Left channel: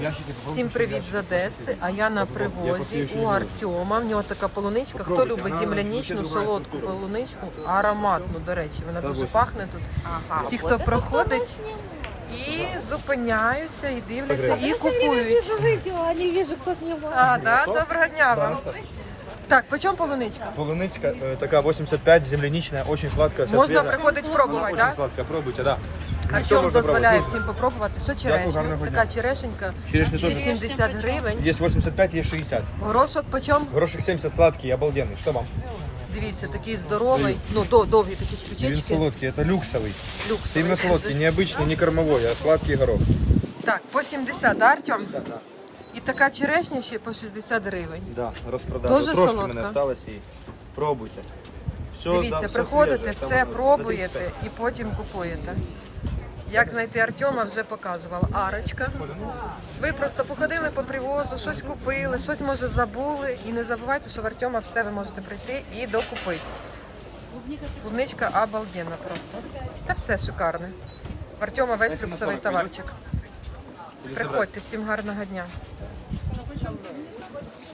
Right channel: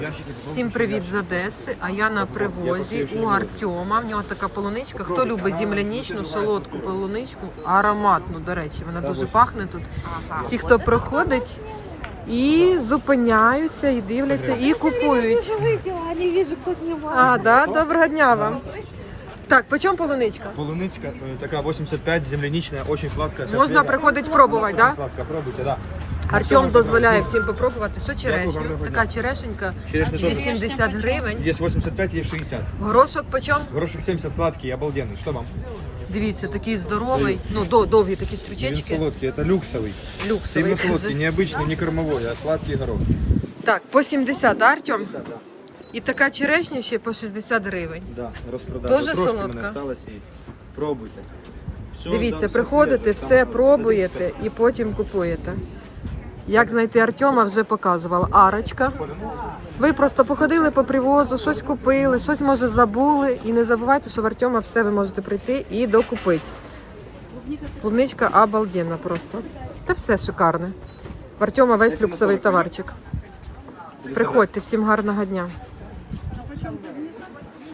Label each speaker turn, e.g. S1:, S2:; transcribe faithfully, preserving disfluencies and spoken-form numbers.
S1: Всім привіт з Одеси, а я на привозі у Артема. В нього така полуничка. Хто любить земляничну, солодку полуничку, ароматну, до речі, вона дуже пахне тут. Всі, хто проходить і зупиняються, і дивляться, і купують. А, да? Доброго дня вам. Так, по чому полуничка?
S2: Полуничка э, такая восемьдесят пять, земляничная, очень сладкая.
S1: Можна приходити пробувати, так? Да?
S2: Сладкая, пробуйте, да.
S1: Артем дозволяє всім попробувати. Що черешня? Така черешенька,
S2: Черешня тоже.
S1: вісімдесят гривень.
S2: Есть восемьдесят пять, есть шестьдесят.
S1: Горошок по чому?
S2: Горошек семьдесят сладкий, обалденный. Что вам?
S1: Дивіться, такий здоровий, ну до, довгі такі
S2: Вин
S1: стручечки.
S2: солодкий, это люксовый.
S1: Люксовий.
S2: Именно солодкий, не обычный, не кормовой, а сладкий горох.
S1: Так, по сімдесят, да, Артем?
S2: Да, да.
S1: І така черешня ще по шістдесят гривень.
S2: Да, распродажа.
S1: Дуже
S2: Трошки
S1: солодка.
S2: мене осталось і пробуйте. Все,
S1: Дивіться,
S2: да,
S1: приходите,
S2: свіже,
S1: все
S2: там,
S1: пробуєте і потім купуєте. Як знайти Артема, вже показувала. Арочка. Ви просто походили по привозу, щось купили, щось, може, забули. І не забувайте, що в Артема все ви можете прийти і докупити. Клубничка обалденна просто. Та все шикарне. В Артема весь люксовий товарчик. Приходьте, всім гарного дня.